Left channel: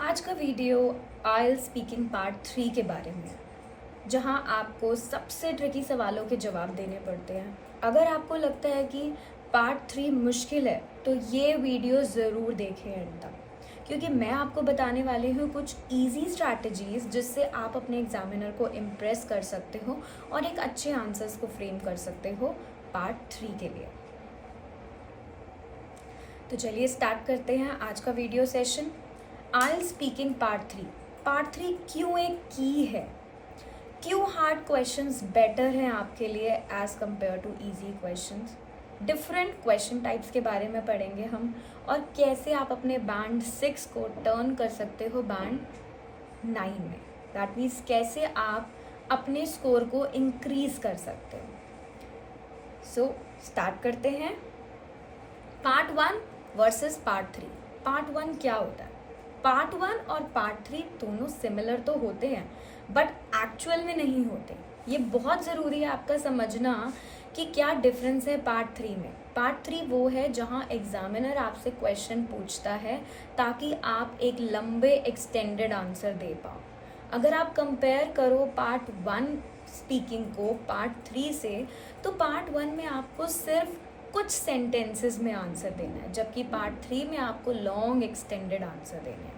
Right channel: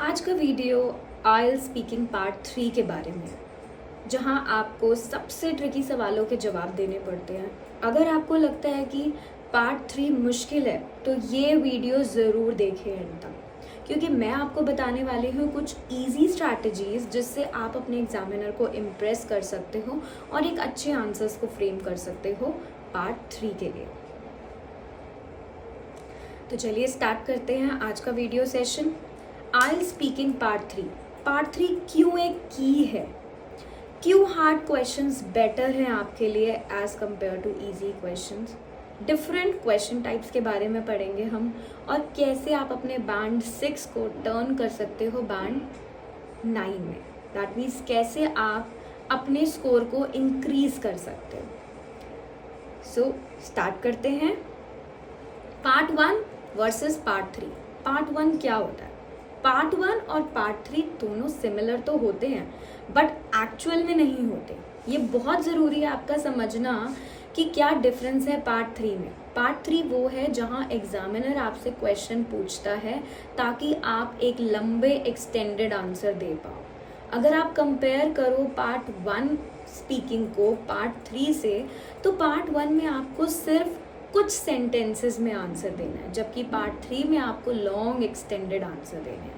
आज का वीडियो आइल speaking part 3 के बारे में है, जहां आपको सबसे ट्रिकी सवालों के जवाब देने पड़ते हैं। अगर आपको लगता है कि पार्ट 3 मुश्किल है तो ये वीडियो ज़रूर देखें एंड तक, क्योंकि मैं आपको बताने वाली हूँ कुछ इजी स्ट्रैटेजीज जिससे आप अपने एग्जामिनर को इम्प्रेस कर सकते हो और एक अच्छे आंसर्स को फ्रेम कर सकते हो पार्ट 3 के लिए। तो चलिए स्टार्ट करते हैं आज का वीडियो सेशन। आइल स्पीकिंग पार्ट थ्री क्यों एक की है, क्यों हार्ड क्वेश्चंस बेटर हैं आपके लिए as compare to easy questions, different question types के बारे में पढ़ेंगे हम, और कैसे आप अपने बैंड 6 को टर्न कर सकते हो बैंड 9 में। दैट मीन्स कैसे आप अपने स्कोर को इंक्रीज कर सकते हो। सो स्टार्ट करते हैं। Part 1 versus part 3। पार्ट 1 क्या होता है? पार्ट 1 और पार्ट 3 दोनों सिमिलर तो होते हैं बट एक्चुअल में नहीं होते। ये बहुत ज़रूरी है आपका समझना कि क्या डिफरेंस है पार्ट 3 में। पार्ट 3 वो है जहां एग्जामिनर आपसे क्वेश्चन पूछता है ताकि आप एक लंबे एक्सटेंडेड आंसर दे पाओ। अगर आप कंपेयर करो पार्ट 1 स्पीकिंग को पार्ट 3 से, तो पार्ट 1 में आपको सिर्फ कुछ सेंटेंसेस में आंसर देना है, जबकि पार्ट 3 में आपको लॉन्ग एक्सटेंडेड आंसर देने हैं।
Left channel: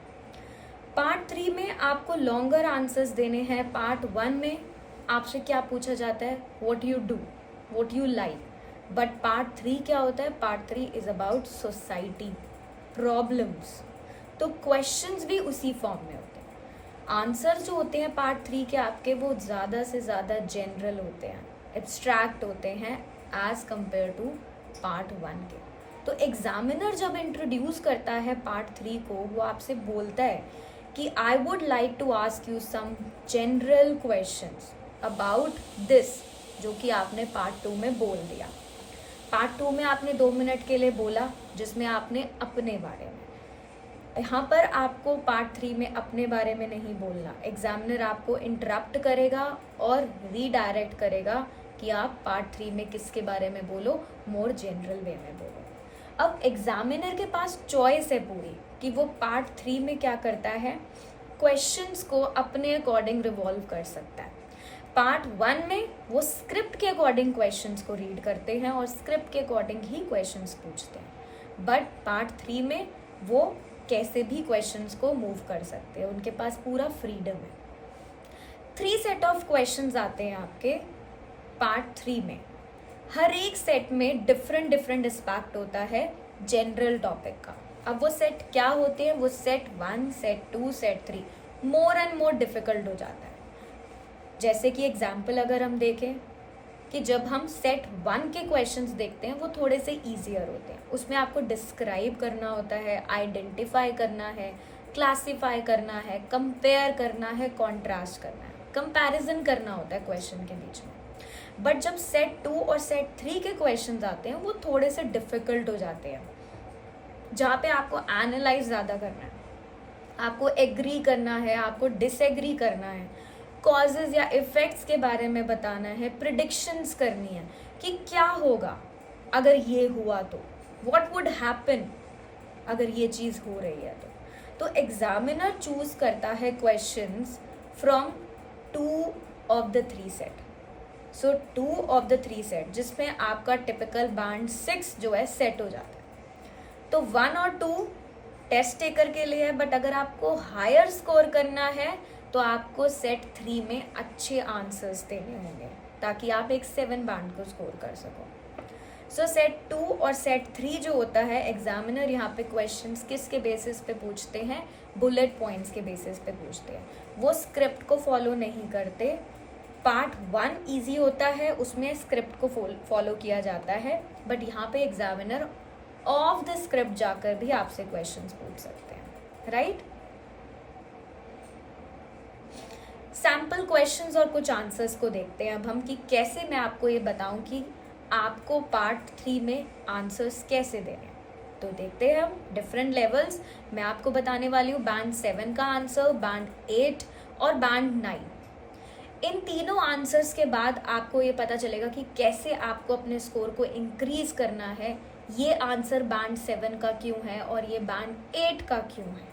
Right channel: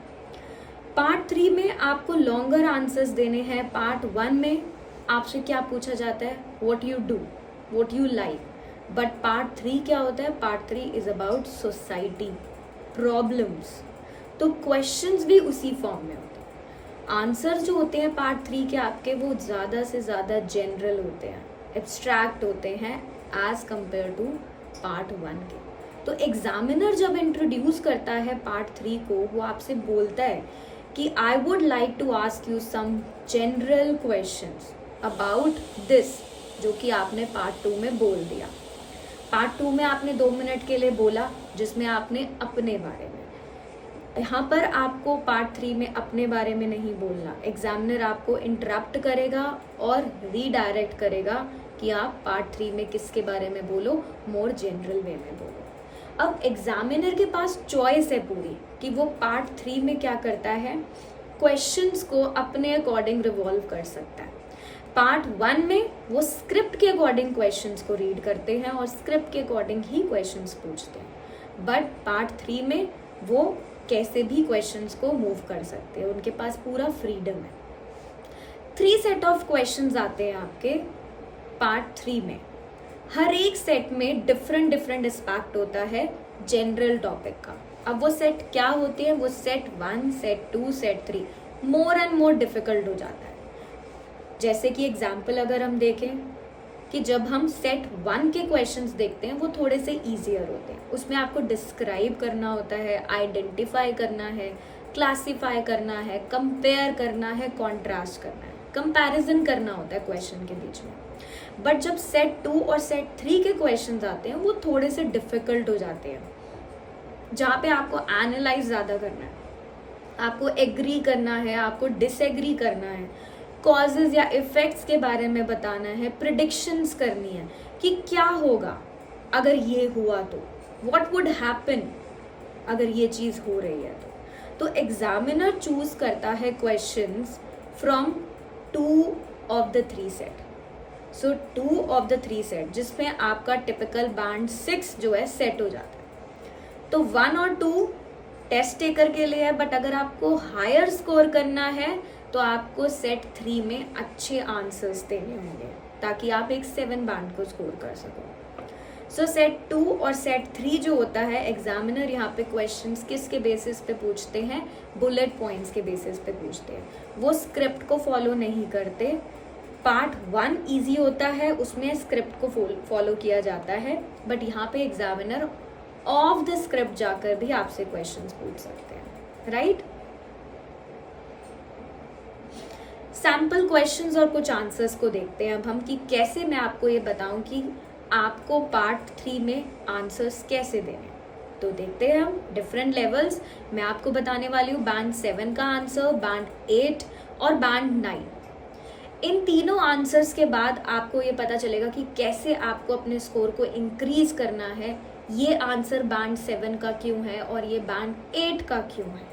पार्ट 3 में आपको लॉन्गर आंसर्स देने हैं। पार्ट 1 में आपसे क्या पूछा जाता है? What you do, what you like. But part 3 क्या होता है? Part 3 is about society, problems. तो क्वेश्चंस भी उसी फॉर्म में होते हैं। आंसर्स जो होते हैं पार्ट 3 के आपके, वो ज़्यादा से ज़्यादा जनरल होते हैं, एब्स्ट्रैक्ट होते हैं एज कंपेयर टू पार्ट 1 के। तो एग्जामिनर जब इंट्रोड्यूस करता है पार्ट 3 को, वो आपसे बोलता है कि I would like to ask you some general questions about this, जो कि आपने पार्ट 2 में बोल दिया। पार्ट 2 में आपने 2 मिनट के लिए बोला जिसमें आपने अपने बारे में, यहाँ पर आपको पार्ट 3 में अपने बारे में नहीं बोलना। एग्जामिनर आपको इंटरप्ट करेगा और रीडायरेक्ट करेगा कि आप पार्ट 3 में किसके बारे में बोलो, मोर जनरल वे में बोलो। अब एग्जामिनर के पास चॉइस है पूरी कि वो पार्ट 3 में क्या करता है, क्वेश्चंस को अपने अकॉर्डिंग रिवॉल्व कर सकता है। पार्ट 1 में वो स्क्रिप्ट के अकॉर्डिंग क्वेश्चंस को रीड करते हैं और स्क्रिप्ट के अकॉर्डिंग ही क्वेश्चंस पूछते हैं। बट पार्ट 3 में वो कैसे भी क्वेश्चंस को मूव कर सकते हैं, उनके पास पूरा फ्रीडम है। 3 सेट ऑफ क्वेश्चंस आते हैं आपके पार्ट 3 में। हर एक सेट में डिफरेंट एस्पेक्ट होता है जनरल टॉपिक का। अब वो सेट क्या होते हैं? वो set 1, set 2, set 3 more and more difficult हो जाता है। जैसे कि एग्जाम्पल अगर हम देखें कि जब हम सेट 1 के क्वेश्चंस देखते हैं, वो थोड़े से ईजियर होते हैं। उसमें आपको डिस्क्राइब करना होता है, आइडेंटिफाई करना है, क्लासीफाई करना है, कंपेयर करना है, कॉन्ट्रास्ट करना है, कंपैरिजन करना होता है क्वेश्चन के बीच में। बट जब सेट 2 और सेट 3 के क्वेश्चंस आते हैं, वो थोड़े से डिफिकल्ट हो जाते हैं, जहाँ पे आपको एनालाइज ज़्यादा करना है, आपको एग्री करना है, आपको डिसएग्री करना है, कॉजेज या इफेक्ट्स के बारे में बताना है, प्रिडिक्शंस करनी है कि क्या होगा अगर ये हुआ तो, व्हाट वुड हैपन अगर ये चीज़ हो रही है तो एग्जामिनर चूज करता है questions from 2 of the 3 set. So 2 of the 3 set जिसमें आपका टिपिकल बैंड 6 जो है सेट हो जाता है। तो 1 और 2 टेस्ट टेकर के लिए है, बट अगर आपको हायर स्कोर करना है तो आपको सेट 3 में अच्छे आंसर्स देने होंगे ताकि आप एक 7 बैंड को स्कोर कर सको। सो सेट 2 और सेट 3 जो होता है, एग्जामिनर यहाँ पे क्वेश्चंस किसके बेसिस पे पूछते हैं? बुलेट पॉइंट्स के बेसिस पे पूछते हैं। वो स्क्रिप्ट को फॉलो नहीं करते। पार्ट 1 ईजी होता है, उसमें स्क्रिप्ट को फॉलो किया जाता है, बट यहाँ पे एग्जामिनर ऑफ द स्क्रिप्ट जाकर भी आपसे क्वेश्चंस पूछ सकते हैं, राइट? सैम्पल क्वेश्चंस और कुछ आंसर्स को देखते हैं अब हम कि कैसे मैं आपको ये बताऊं कि आपको पार्ट 3 में आंसर्स कैसे देने। तो देखते हैं हम डिफरेंट लेवल्स। मैं आपको बताने वाली हूँ बैंड 7 का आंसर, बैंड 8 और बैंड 9। इन तीनों आंसर्स के बाद आपको ये पता चलेगा कि कैसे आपको अपने स्कोर को इंक्रीज करना है। ये आंसर बैंड 7 का क्यों है और ये बैंड 8 का क्यों है।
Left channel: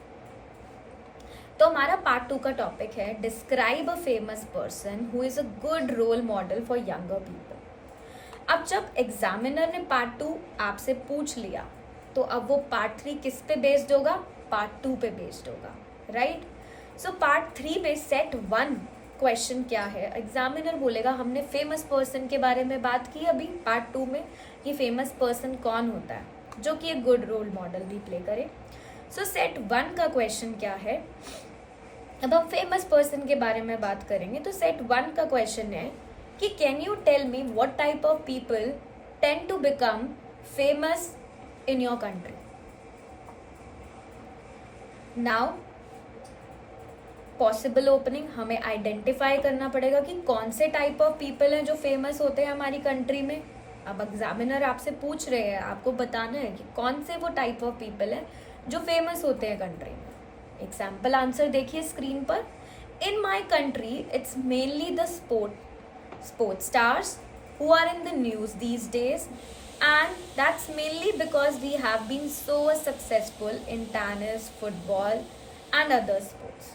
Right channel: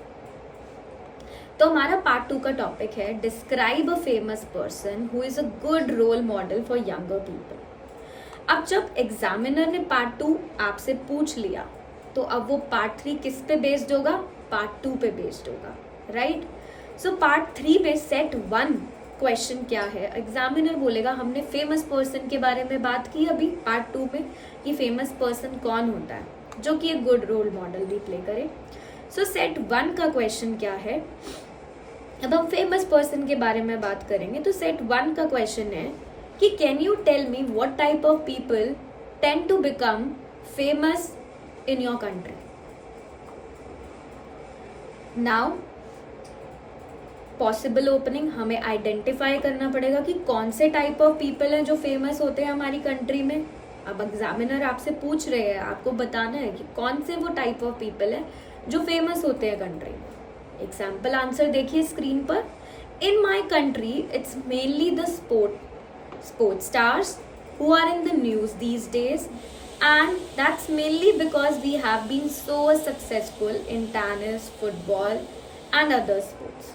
तो हमारा पार्ट 2 का टॉपिक है describe a famous person who is a good role model for younger people. अब जब एग्जामिनर ने पार्ट 2 आपसे पूछ लिया तो अब वो पार्ट 3 किस पे बेस्ड होगा? पार्ट 2 पे बेस्ड होगा, राइट? सो पार्ट 3 में सेट 1 क्वेश्चन क्या है, एग्जामिनर बोलेगा हमने फेमस पर्सन के बारे में बात की अभी पार्ट 2 में, ये फेमस पर्सन कौन होता है जो कि एक गुड रोल मॉडल भी प्ले करे। सो सेट 1 का क्वेश्चन क्या है, अब हम फेमस पर्सन के बारे में बात करेंगे। तो सेट 1 का क्वेश्चन है कि can you tell me what type of people tend to become famous in your country. Now possible opening, हमें आइडेंटिफाई करना पड़ेगा कि कौन से टाइप ऑफ पीपल हैं जो फेमस होते हैं हमारी कंट्री में। अब एग्जामिनर आपसे पूछ रहे हैं, आपको बताना है कि कौन से वो टाइप ऑफ पीपल हैं जो फेमस होते हैं कंट्री में। एग्जाम्पल आंसर देखिए स्क्रीन पर। In my country it's mainly the sports stars who are in the news these days, and that's mainly because we have been so successful in tennis, football and other sports.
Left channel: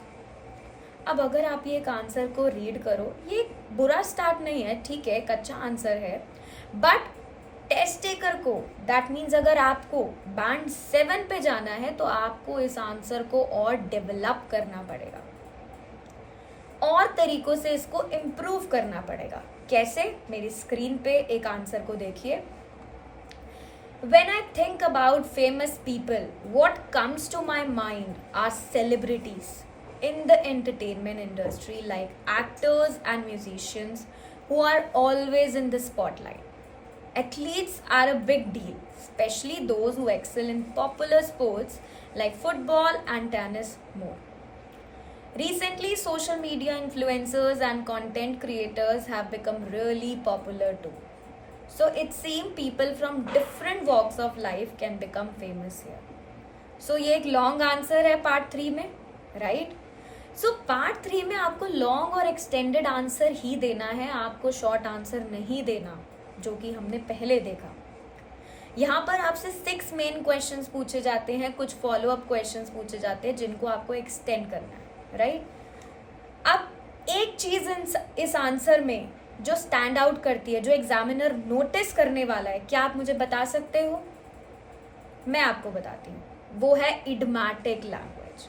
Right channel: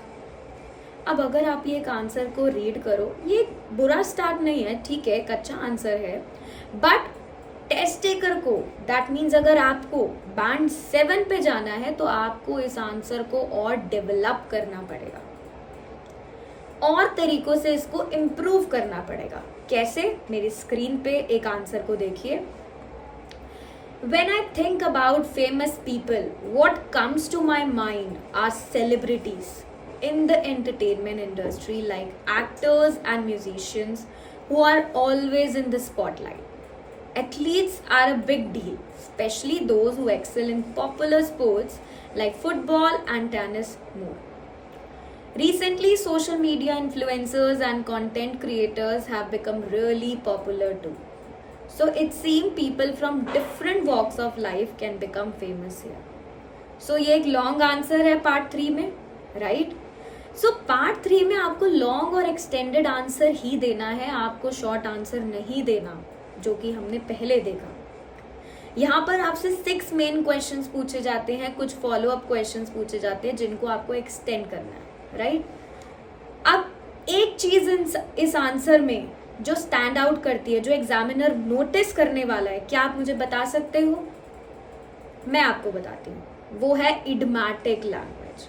अब अगर आप ये एक answer को read करो, ये बुरा start नहीं है, ठीक है, एक अच्छा आंसर है, बट टेस्ट टेकर को, दैट मीन्स अगर आपको बैंड 7 पे जाना है तो आपको इस आंसर को और डेवलप करना पड़ेगा, और तरीकों से इसको इम्प्रूव करना पड़ेगा। कैसे? मेरी स्क्रीन पे एक आंसर को देखिए। When I think about famous people, what comes to my mind are celebrities in the entertainment industry, like actors and musicians who are always in the spotlight. Athletes are a big deal, especially those who excel in popular sports like football and tennis more. Recently, social media influencers and content creators have become really popular too. So it seems people from different walks of life can become famous here. So ये एक long answer है part 3 में, right? So part 3 में आपको long और extended answer ही देना है, आपको शॉर्ट आंसर नहीं देना, जो कि हमने पहले देखा। यहाँ पर आपसे 6 मेन क्वेश्चंस पूछे जाते हैं, कुछ फॉलो अप क्वेश्चंस पूछे जाते हैं जिनको आपको एक्सटेंड करना है, राइट? अब एक चीज इस आंसर में जो स्टैंड आउट करती है, जो एग्जामिनर नोटिस करने वाला है, क्या आप मुझे बता सकते हो? मैं आपको बताती हूँ, वो है इडियोमैटिक लैंग्वेज।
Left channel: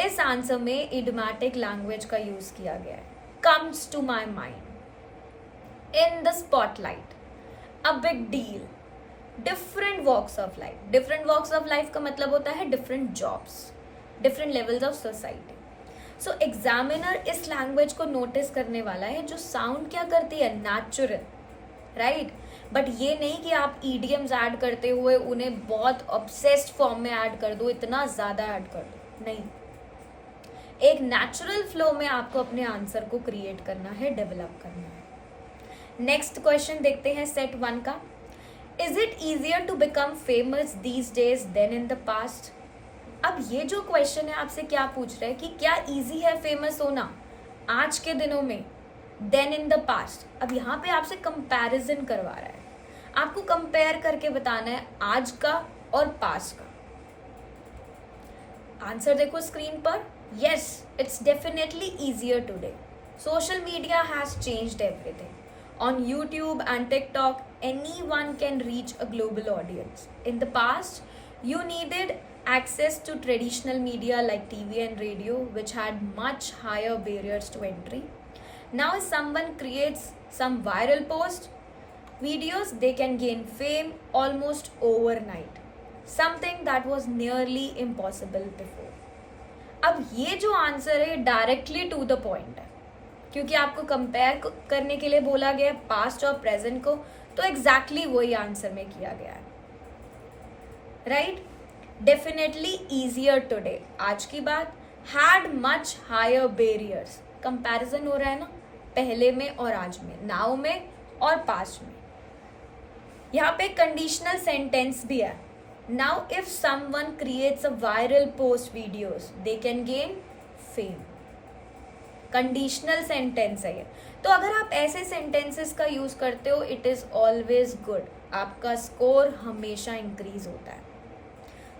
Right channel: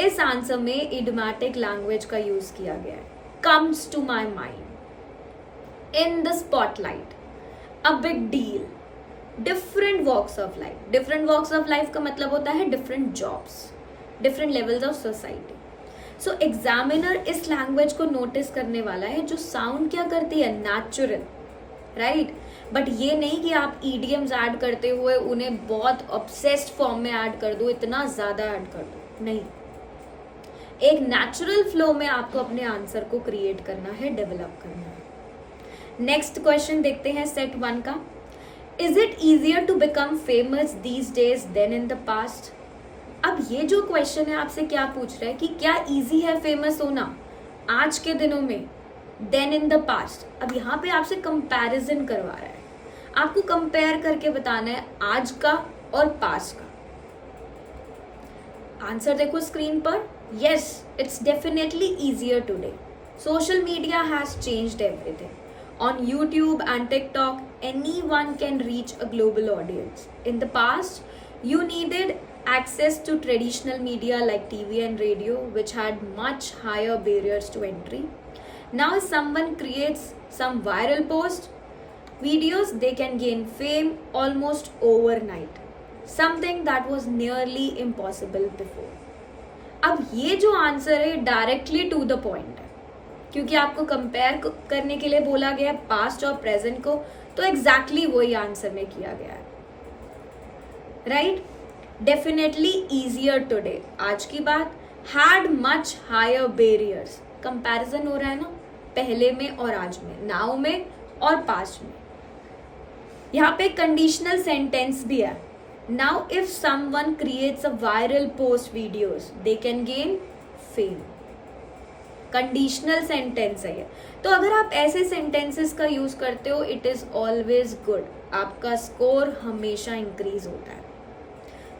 इस आंसर में इडियोमैटिक लैंग्वेज का यूज किया गया है। Comes to my mind, in the spotlight, a big deal, different walks of life. Different walks of life का मतलब होता है different jobs, different levels of society. So examiner इस लैंग्वेज को नोटिस करने वाला है जो साउंड क्या करती है? Natural, right? बट ये नहीं कि आप ईडियम्स ऐड करते हुए उन्हें बहुत ऑब्सेस्ड फॉर्म में ऐड कर दो, इतना ज्यादा ऐड कर दो, नहीं। एक नेचुरल फ्लो में आपको अपने आंसर को क्रिएट करना है, डेवलप करना है। नेक्स्ट क्वेश्चन देखते हैं सेट 1 का। Is it easier to become famous these days than in the past? अब ये जो क्वेश्चन है आपसे क्या पूछ रहा है कि क्या इजी है फेमस होना आज के दिनों में देन इन द पास्ट। अब यहाँ पे आपसे कंपैरिजन करवा रहा है, आपको कंपेयर करके बताना है आज का और पास्ट का। आंसर देखो स्क्रीन पर। Yes, it's definitely easier today. Social media has changed everything. On YouTube and TikTok anyone can reach a global audience. In the past, you needed access to traditional media like TV and radio, which had much higher barriers to entry. Now, if someone creates some viral post, videos, they can gain fame almost overnight. Something that was nearly impossible before. अब ये जो answer है directly to the point है, क्योंकि आपको compare करने के लिए बोला गया है पास्ट और प्रेजेंट को, तो एग्जैक्टली वही आंसर में किया गया है, राइट? डेफिनेटली इजियर टुडे, आज की बात। Had much higher barriers, comparison हो रहा है ना पहले में और आज में, नाउ में और पास्ट में। यहाँ पे कंडीशनल सेंटेंस भी है। Now if someone creates a viral post videos, they can gain fame. Conditional sentence है ये, तो अगर आप ऐसे सेंटेंसेस का यूज करते हो, इट इज ऑलवेज गुड, आपका स्कोर हमेशा इंक्रीज होता है।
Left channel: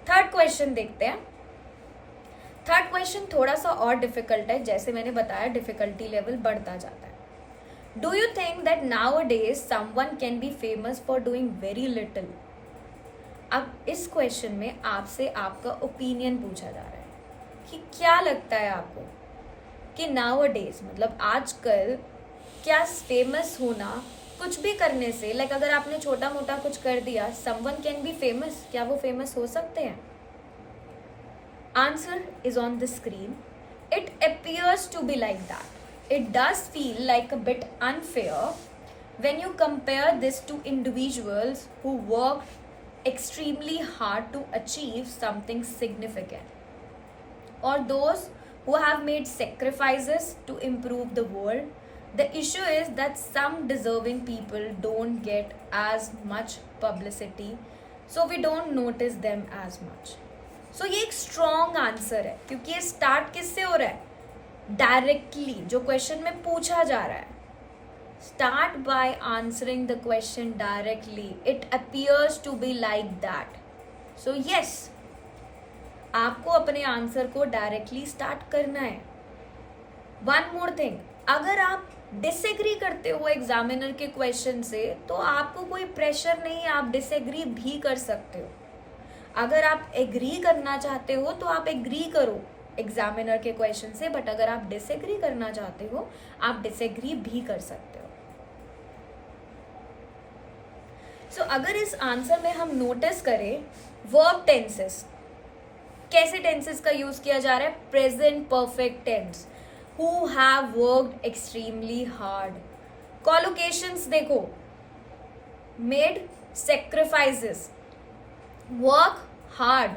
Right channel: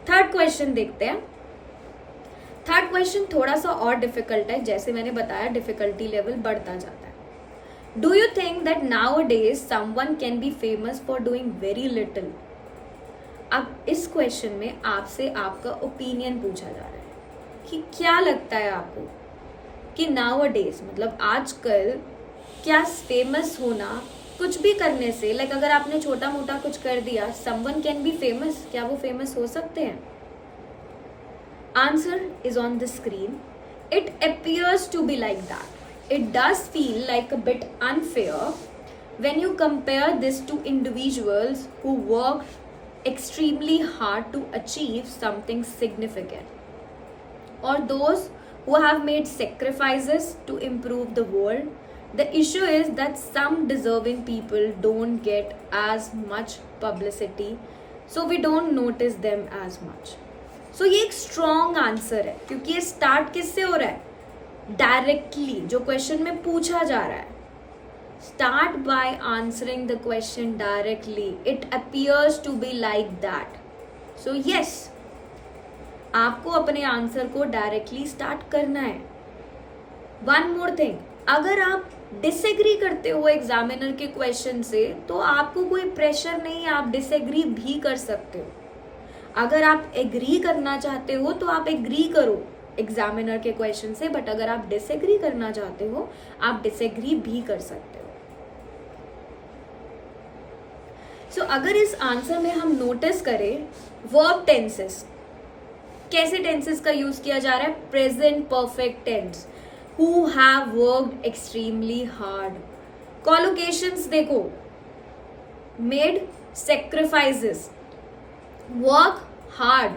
थर्ड क्वेश्चन देखते हैं। थर्ड क्वेश्चन क्वेश्चन थोड़ा सा और डिफिकल्ट है, जैसे मैंने बताया डिफिकल्टी लेवल बढ़ता जाता है. Do you think that now days someone can be famous for doing very little? अब इस क्वेश्चन में आपसे आपका ओपिनियन पूछा जा रहा है कि क्या लगता है आपको कि नाउ डेज मतलब आजकल क्या फेमस होना कुछ भी करने से, लाइक अगर आपने छोटा मोटा कुछ कर दिया, समवन कैन बी फेमस, क्या वो फेमस हो सकते हैं? Answer is on the screen. It appears to be like that. It does feel like a bit unfair when you compare this to individuals who worked extremely hard to achieve something significant, or those who have made sacrifices to improve the world. The issue is that some deserving people don't get as much publicity, so we don't notice them as much. So ये एक strong answer है, क्योंकि ये start किससे हो रहा है? Directly, जो क्वेश्चन में पूछा जा रहा है. Start by answering the question directly. It appears to be like that. So yes, आपको अपने आंसर को डायरेक्टली स्टार्ट करना है. वन मोर थिंग, अगर आप डिसएग्री करते हो एग्जामिनर के क्वेश्चन से तो आपको कोई प्रेशर नहीं है, आप डिसएग्री भी कर सकते हो. अगर आप एग्री करना चाहते हो तो आप एग्री करो एग्जामिनर के क्वेश्चन से, बट अगर आप डिसएग्री करना चाहते हो आप डिसएग्री भी कर सकते हो. सो अगर इस आंसर में हम नोटिस करें वर्ब टेंसेस, कैसे टेंसेस का यूज किया जा रहा है? Present perfect tense. Who have worked extremely hard. Collocations देखो, made sacrifices, work hard.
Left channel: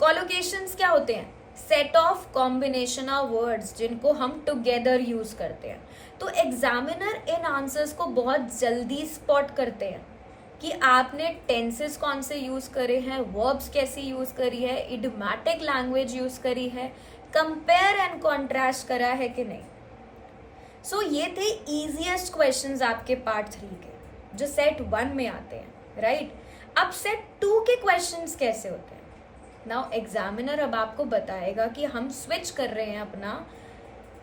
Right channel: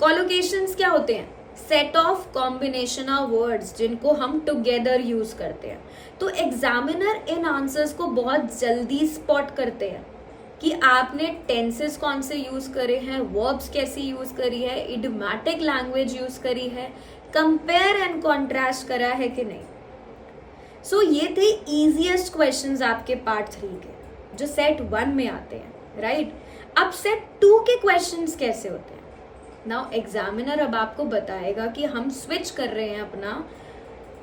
Collocations क्या होते हैं? Set of combination of words जिनको हम टुगेदर यूज करते हैं. तो एग्जामिनर इन आंसर्स को बहुत जल्दी स्पॉट करते हैं कि आपने टेंसेस कौन से यूज करे हैं, वर्ब्स कैसी यूज करी है, इडियोमैटिक लैंग्वेज यूज करी है, कंपेयर एंड कॉन्ट्रास्ट करा है कि नहीं. सो ये थे इजीएस्ट क्वेश्चंस आपके पार्ट 3 के जो सेट 1 में आते हैं, राइट. अब सेट 2 के क्वेश्चंस कैसे होते हैं? नाउ एग्जामिनर अब आपको बताएगा कि हम स्विच कर रहे हैं अपना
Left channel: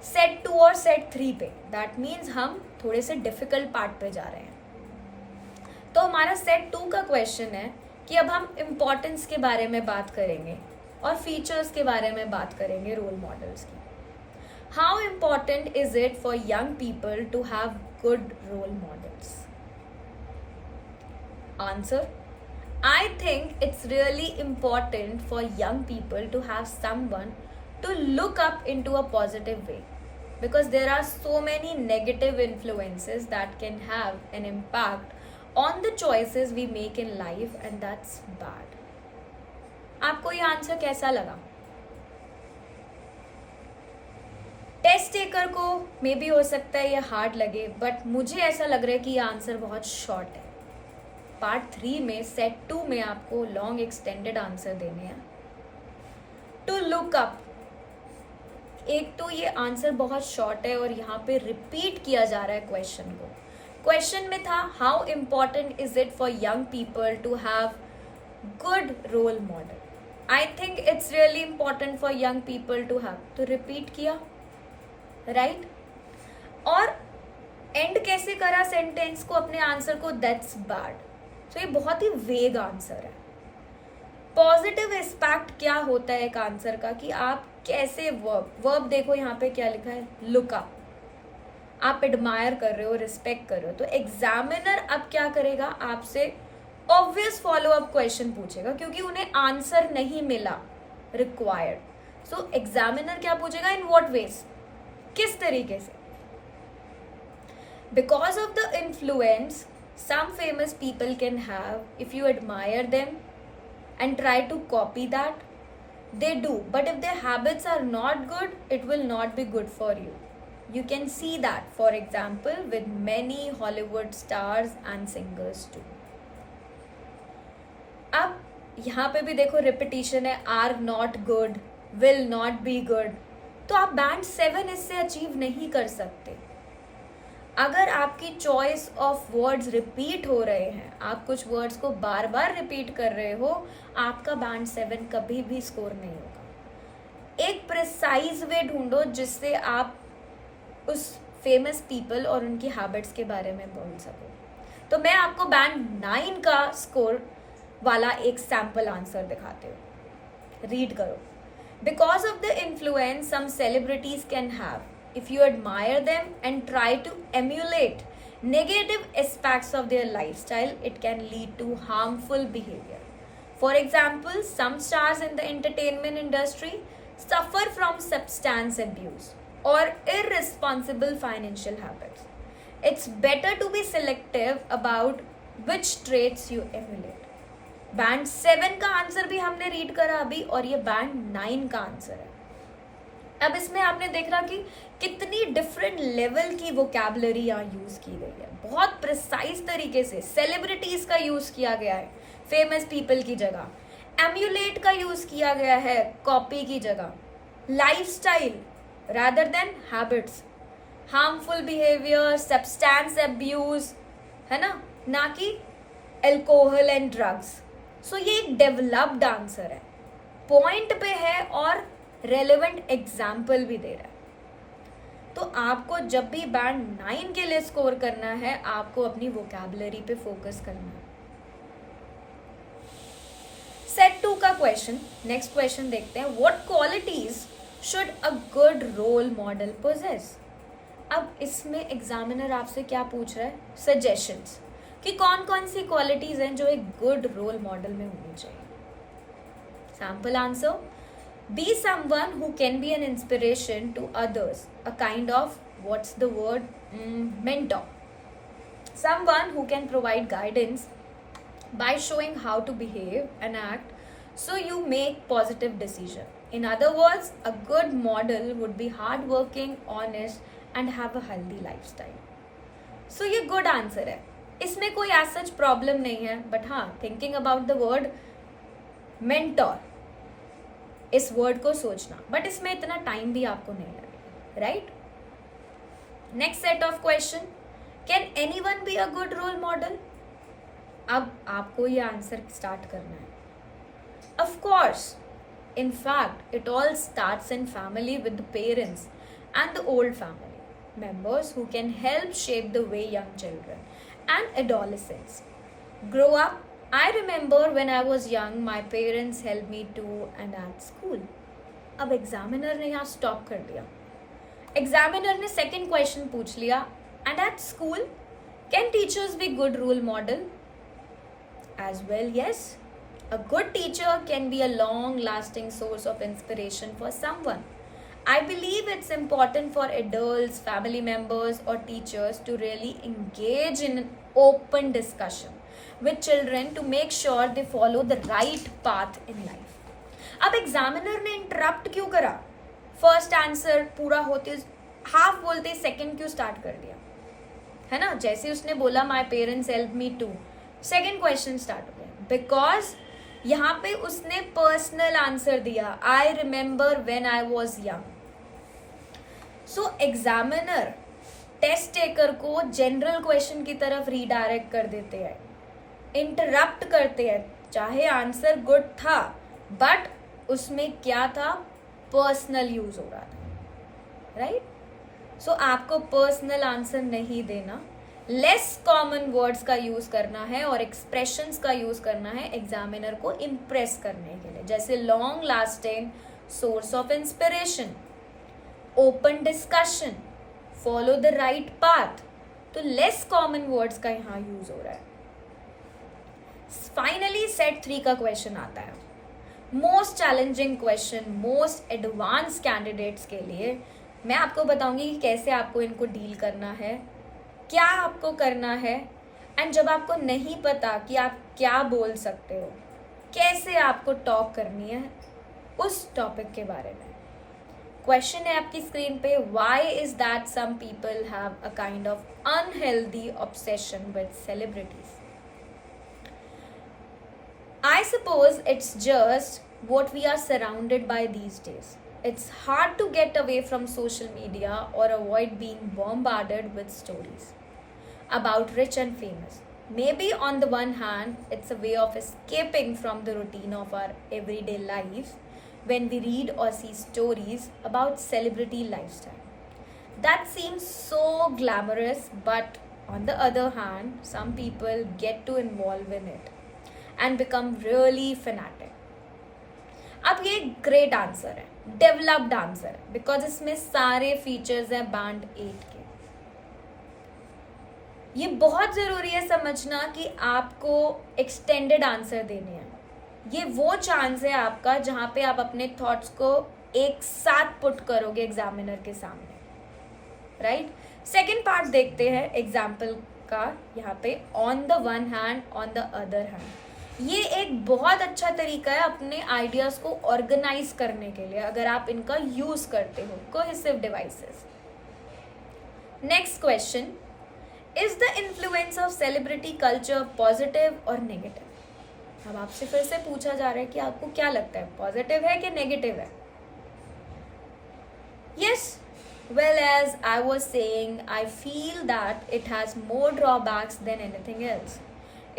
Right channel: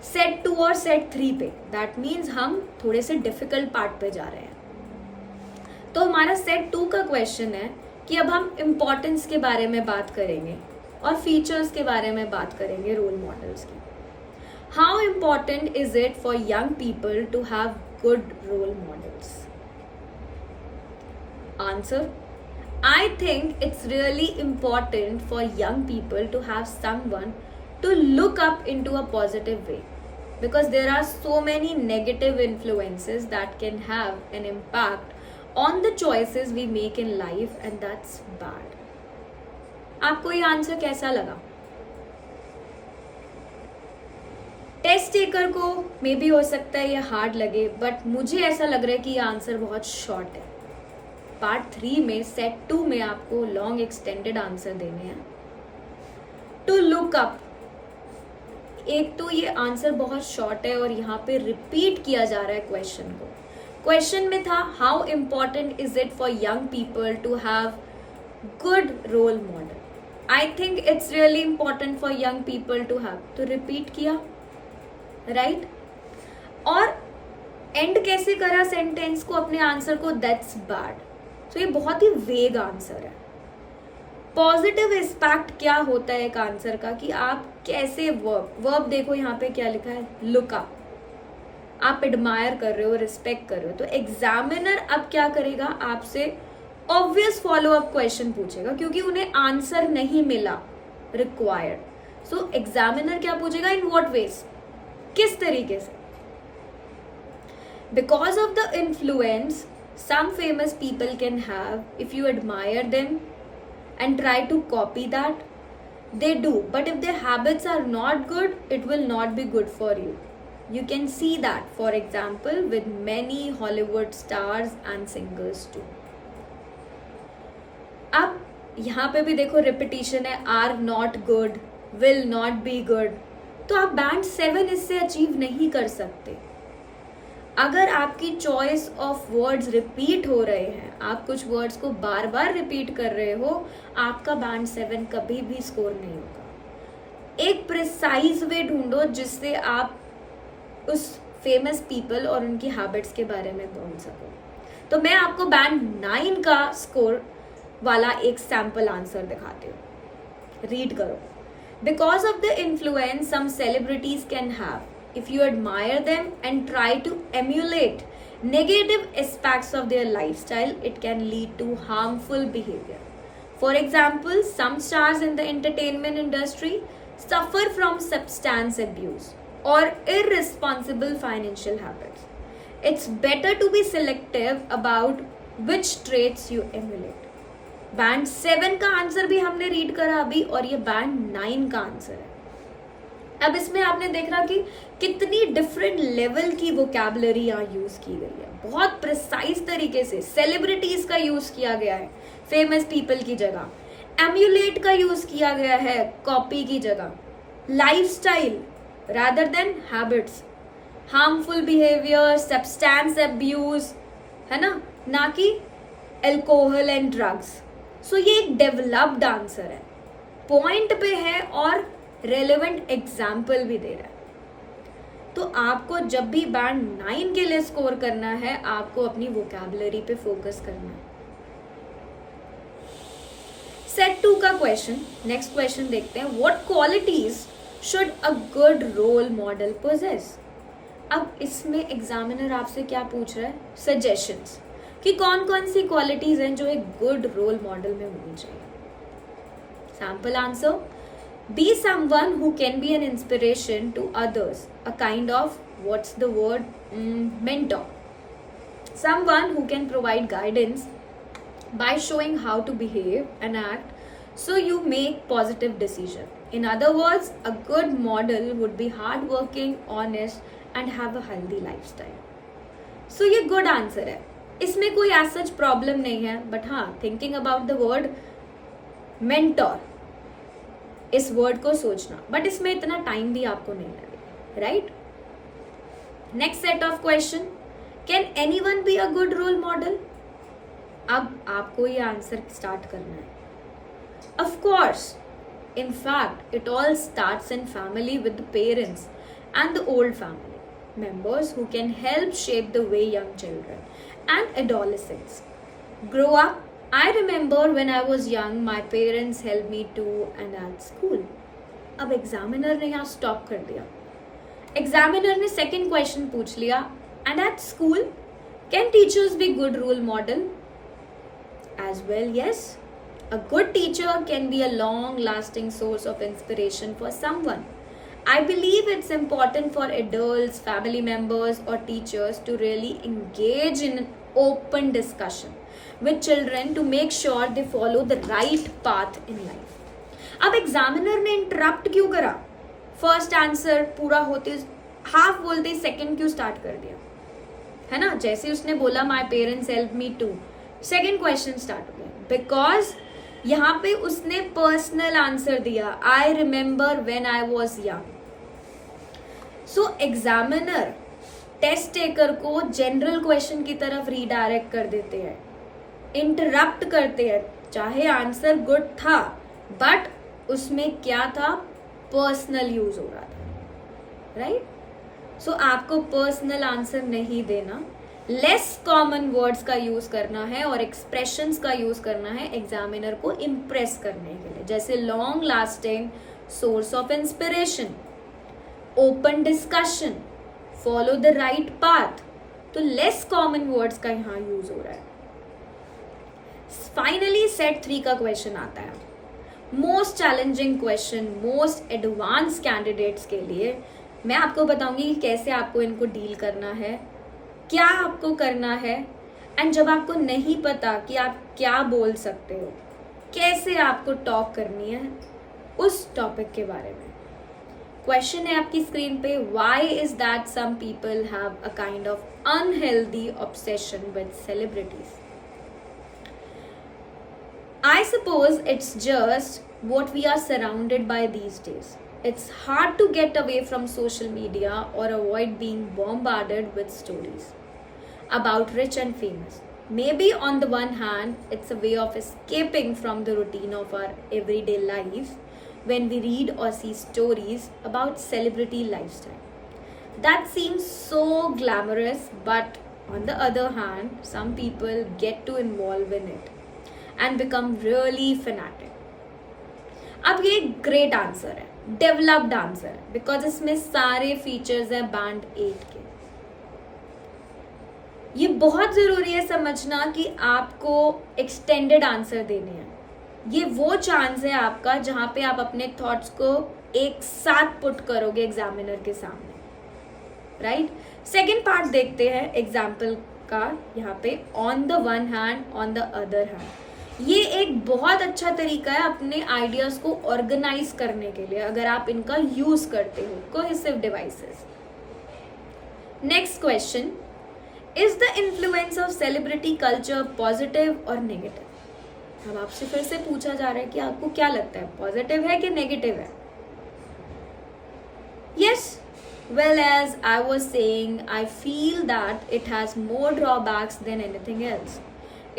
सेट 2 और सेट 3 पे. दैट मीन्स हम थोड़े से डिफिकल्ट पार्ट पे जा रहे हैं. तो हमारा सेट 2 का क्वेश्चन है कि अब हम इम्पोर्टेंस के बारे में बात करेंगे और फीचर्स के बारे में बात करेंगे रोल मॉडल्स की. How important is it for young people to have good role models? Answer, I think it's really important for young people to have someone to look up into a positive way, because there are so many negative influences that can have an impact on the choices we make in life, and that's bad. आपको ये answer कैसा लगा? Test taker को may be हो सकता है ये hard लगे, बट मुझे ऐसा लग रहा है कि ये आंसर बहुत शॉर्ट है. पार्ट 3 में सेट 2 में आपको लॉन्ग एक्सटेंडेड आंसर देने हैं. टू लुक अप, एक तो ये आंसर बहुत शॉर्ट है और यहाँ पे रिपीट किया जा रहा है क्वेश्चन को. क्वेश्चन में था how important is it for young people to have good role model. I think it's really important for young people to have, तो रिपीट किया, राइट. और एंड कैसे करा सेंटेंस को, अपने आंसर को, दैट्स बैड. तो ये बहुत ही वेग आंसर है. पॉजिटिव एस्पेक्ट क्या होता है एक आंसर का कि आप कैसे वर्ब देखो यहाँ पे क्या लिखा है, लुक अप. आप एडमायर कर रहे हो, रिस्पेक्ट कर रहे हो. तो एग्जामिनर अब क्या करेगा, आपसे ऑब्वियस फॉलो अप क्वेश्चन पूछेगा क्योंकि उन्हें आंसर नहीं मिला रिक्वायर्ड. सो एग्जामिनर क्या पूछेगा, इन व्हाट वेज, किस तरीके से. Because of the influence some famous people can have, if you admire them and try to copy that, they do. But if their habits are not good, it will not be good for you. You can see that, for example, with many Hollywood stars and singers too. अब यहाँ पे भी देखो repetition है, are not good, will not be good. तो आप band 7 इससे achieve नहीं कर सकते. अगर आपकी चॉइस ऑफ वर्ड्स रिपीट हो रहे हैं, आप कुछ वर्ड्स को बार बार रिपीट कर रहे हो, आपका बैंड 7 कभी भी स्कोर नहीं होगा. एक प्रिसाइज वे ढूंढो जिससे आप उस फेमस पीपल और उनकी हैबिट्स के बारे में बोल सको। तो मैं आपको बैंड 9 का स्कोर वाला एक सैम्पल आंसर दिखाती हूँ, रीड करो। Because of the influence some celebrities can have, if you admire them and try to emulate negative aspects of their lifestyle, it can lead to harmful behavior. For example, some stars in the entertainment industry suffer from substance abuse or irresponsible financial habits. It's better to be selective about which traits you emulate. Band 7 का answer भी हमने read करा अभी, और ये band 9 का answer है। अब इसमें आपने देखा कि कितनी डिफरेंट लेवल की वोकैबुलरी यहाँ यूज की गई है। बहुत प्रिसाइज तरीके से सेलिब्रिटीज का यूज किया गया है फेमस पीपल की जगह, एम्यूलेट का यूज किया गया है कॉपी की जगह, lifestyle rather than habits, harmful behaviour, substance abuse, है ना कि एल्कोहल एंड ड्रग्स। सो ये एक डेवलप्ड आंसर है, पॉइंट पे है और रेलेवेंट एग्जाम्पल भी दे रहा है। तो आपको जब भी बैंड 9 के लिए स्कोर करना है, आपको अपनी वोकैबुलरी पे फोकस करना है। सेट 2 का क्वेश्चन, नेक्स्ट क्वेश्चन देखते हैं। What qualities should a good role model possess? अब इसमें एग्जामिनर आपसे क्या पूछ रहा है? सजेशंस कि कौन कौन सी क्वालिटीज हैं जो एक गुड रोल मॉडल में होनी चाहिए। Sample answer: be someone who can be an inspiration to others, a kind of, what's the word, mentor. Someone who can provide guidance by showing how to behave and act so you make positive decision. In other words, a good model would be hardworking, honest and have a healthy lifestyle. So ये good answer है, इसमें कोई as such problem नहीं है, but हाँ, thinking about the word mentor, इस word को सोचना, बट इसमें इतना टाइम भी आपको नहीं लगेगा, right? Next set of question: can anyone be a good role model? अब आपको ये आंसर स्टार्ट करना है। Of course, in fact it all starts in family with the parents and the old family members who can help shape the way young children and adolescents grow up. I remember when I was young, my parents helped me too and at school. अब examiner ने यहाँ stop कर दिया। Examiner ने second question पूछ लिया, and at school can teachers be good role model? As well, yes. A good teacher can be a long-lasting source of inspiration for someone. I believe it's important for adults, family members or teachers to really engage in an open discussion with children to make sure they follow the right path in life. अब examiner ने interrupt क्यों करा? First answer पूरा होते half बोलते second क्यों start कर दिया? है ना, जैसे उसने बोला my parents help me to, second question start हो गया। बिकॉज यहाँ पे उसने पर्सनल आंसर दिया, I remember when I was young. So examiner test taker को जनरल क्वेश्चन की तरफ रीडायरेक्ट कर देते हैं, इंटरप्ट करते हैं, चाहे आंसर गुड था बट उसमें क्या था, पर्सनल यूज हो रहा था, राइट? सो आपको पर्सनल आंसर नहीं देना, लेस कॉमन वर्ड्स का यूज करना है और एक्सप्रेशंस का यूज करना है एग्जामिनर को इम्प्रेस करने के लिए, जैसे long lasting source of inspiration, open discussion, follow the right path. तो लेस कॉमन वर्ड्स का यहाँ यूज हो रहा है। फाइनली सेट 3 का क्वेश्चन आता है, most challenging question most advance candidates के लिए। मैं आपको बताऊंगी कि कैसे आपको इनको डील करना है, क्या आपको करना है, एंड जब आपको नहीं पता कि आप क्या बोल सकते हो, कैसे आपको टॉक करनी है उस टॉपिक के बारे में। क्वेश्चन है आपकी स्क्रीन पे, why is that some people have a kind of unhealthy obsession with celebrities? I suppose it's just what we are surrounded by these days. It's hard to get away from social media or avoid being bombarded with stories about rich and famous. Maybe on the one hand, it's a way of escaping from the routine of our everyday lives, when we read or see stories about celebrity lifestyle. That seems so glamorous, but on the other hand, some people get to involve in it and become really fanatic. अब ये great answer है, developed answer है, because इसमें सारे features हैं band 8 के. ये बहुत ज़रूरी है समझना कि आपको एक्सटेंडेड आंसर देने हैं. ये वो चांस है आपका जहाँ पे आप अपने थॉट्स को एक साथ पुट करोगे एग्जामिनर के सामने, राइट. सेकेंड पार्ट देखते हैं एग्जाम्पल का यहाँ पे. On the one hand, on the other hand. ये एक बहुत अच्छा तरीका है अपने आइडियाज़ को ऑर्गेनाइज करने के लिए अगर आप इनका यूज़ करते हो. Cohesive devices. Next question, is the influence of celebrity culture positive और नेगेटिव? अब आपसे फिर से पूछा जा रहा है कि आपको क्या लगता है, पॉजिटिव है कि नेगेटिव है? Yes, well, as I was saying, I feel that it has more drawbacks than anything else.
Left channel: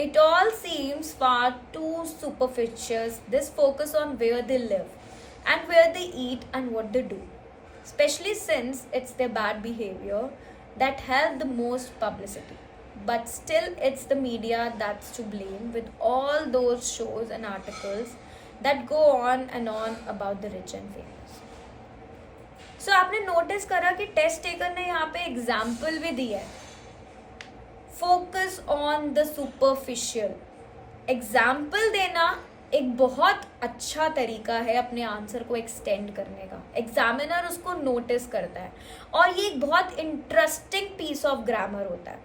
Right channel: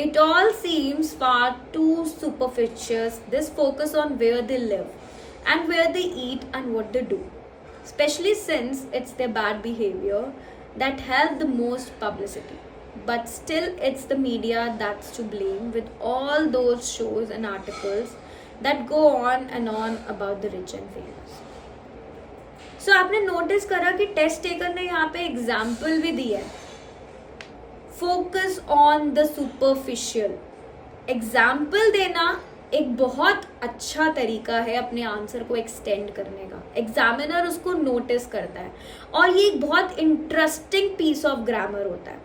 It all seems far too superficial. This focus on where they live and where they eat and what they do, especially since it's their bad behavior that have the most publicity. But still, it's the media that's to blame with all those shows and articles that go on and on about the rich and famous. So, आपने notice करा कि test taker ने यहाँ पे example भी दिया है. Focus on the superficial. Example देना एक बहुत अच्छा तरीका है अपने आंसर को एक्सटेंड करने का. एग्जामिनर उसको नोटिस करता है और ये एक बहुत इंटरेस्टिंग पीस ऑफ ग्रामर होता है,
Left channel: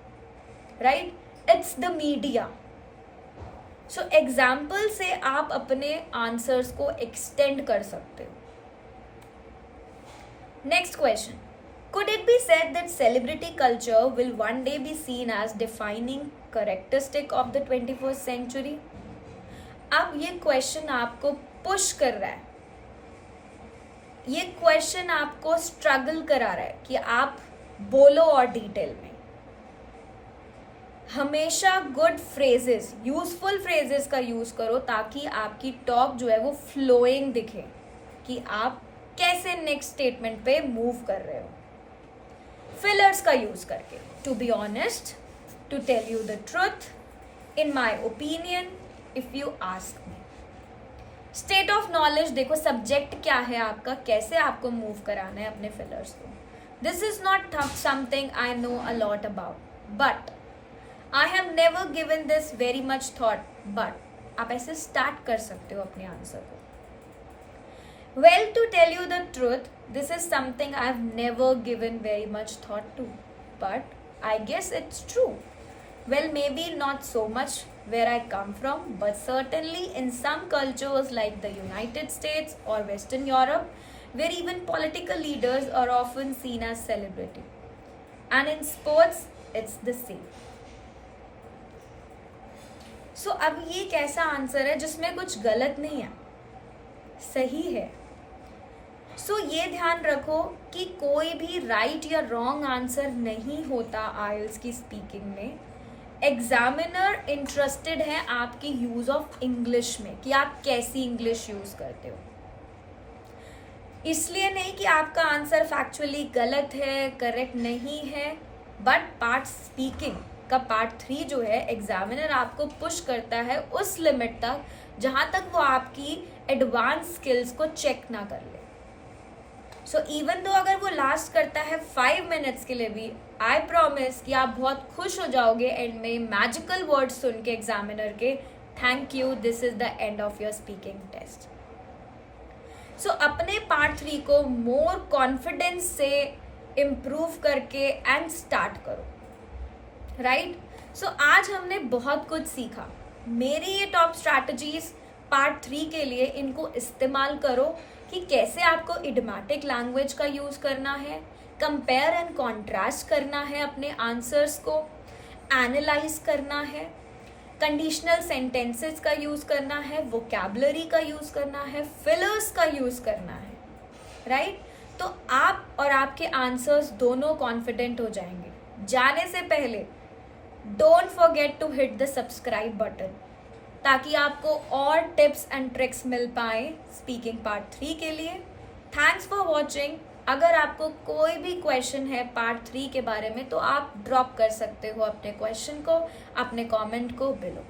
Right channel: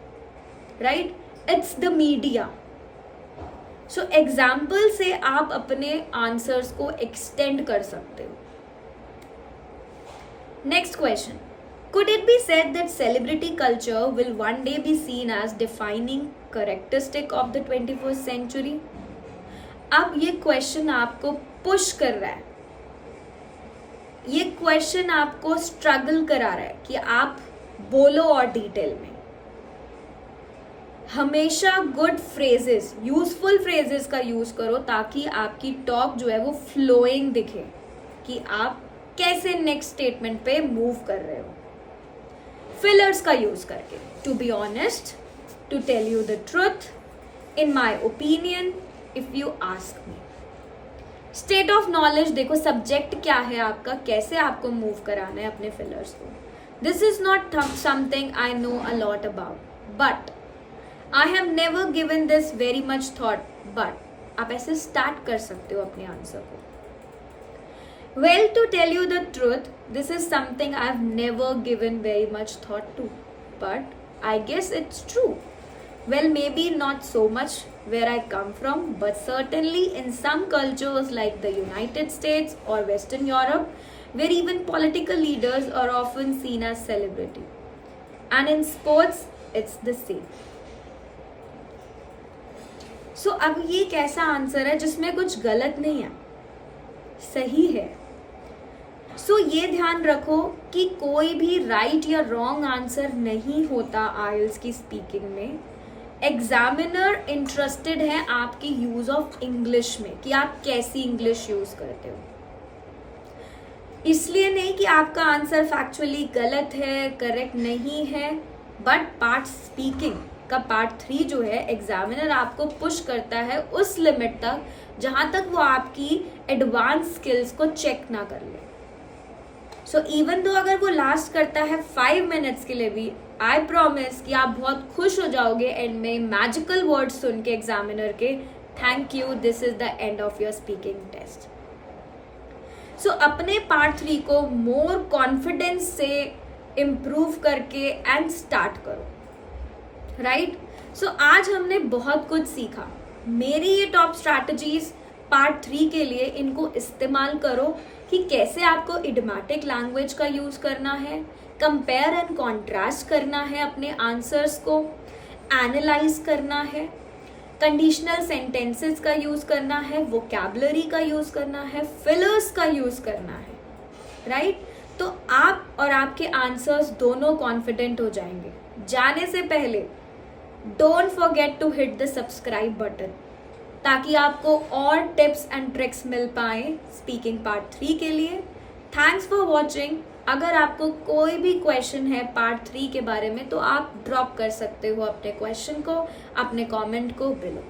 right. It's the media. So example से आप अपने आंसर्स को एक्सटेंड कर सकते हो. Next question. Could it be said that celebrity culture will one day be seen as defining characteristic of the 21st century? अब ये क्वेश्चन आपको पुश कर रहा है, ये क्वेश्चन आपको स्ट्रगल करा रहा है कि आप बोलो और डिटेल में. हमेशा गुड फ्रेजेस, यूजफुल फ्रेजेस का यूज करो ताकि आपकी टॉक जो है वो फ्लोइंग दिखे कि आप कैसे नेक्स्ट स्टेटमेंट पे मूव कर रहे हो. फिलर्स का यूज करके. To be honest, to tell you the truth, in my opinion, if you ask me. State of knowledge देखो, सब्जेक्ट क्या है आपका, कैसे आपको मूव कराना है अपने फिलर्स को. This is not something I know a lot about, but I have never given this very much thought. But आप ऐसे स्टार्ट कर सकते हो अपने आंसर को. Well, to tell you the truth, this is something I've never given very much thought to, but I guess it's true. Well, maybe not so much where I come from, but certainly in some cultures like the United States or Western Europe, where even political leaders are often seen as celebrity. And in sports, it's the same. So, अब ये कैसा answer है जिसमें कुछ गलत नहीं है, सही है. सो ये ध्यान रखो कि कोई भी राइट या रॉन्ग आंसर नहीं होता आइल्स की स्पीकिंग में. एग्जामिनर इंटरेस्टेड है आपकी यूज ऑफ इंग्लिश में कि आप कैसी इंग्लिश यूज करते हो. इसलिए नहीं कि आपका आंसर फैक्चुअली गलत है, करेक्ट नहीं है, बट पार्ट स्पीकिंग का पार्ट 3 जो है, एग्जामिनर आपको पुश करता है उस लिमिट तक जहाँ तक वो आपकी एडवांस स्किल्स को चेक ना कर ले. सो इवन दो अगर वो लास्ट करता है 5 मिनट्स के लिए भी, आई प्रॉमिस कि आप बहुत खुश हो जाओगे एंड में मैजिकल वर्ड्स सुन के एग्जामिनर के, thank you, this is the end of your speaking test. So अपने पार्ट 3 को मोर कॉन्फिडेंस से इम्प्रूव करके एंड स्टार्ट करो, राइट. सो आज हमने बहुत कुछ सीखा. मेरी ये टॉप स्ट्रैटेजीज पार्ट 3 के लिए इनको इस्तेमाल करो कि कैसे आपको इडियोमैटिक लैंग्वेज का यूज़ करना है, कंपेयर एंड कॉन्ट्रास्ट करना है अपने आंसर्स को, एनालाइज करना है, कंडीशनल सेंटेंसेस का यूज़ करना है, वोकैबुलरी का यूज़ करना है, फिलर्स का यूज़ करना है, राइट. तो आप और आपके आंसर्स दोनों कॉन्फिडेंट हो जाएंगे. जाने से पहले don't forget to hit the subscribe button. ताकि आपको और टिप्स एंड ट्रिक्स मिल पाए स्पीकिंग पार्ट 3 के लिए। Thanks for watching. अगर आपको कोई भी क्वेश्चन है पार्ट 3 के बारे में तो आप ड्रॉप कर सकते हो अपने क्वेश्चन को, अपने कमेंट को बिलो।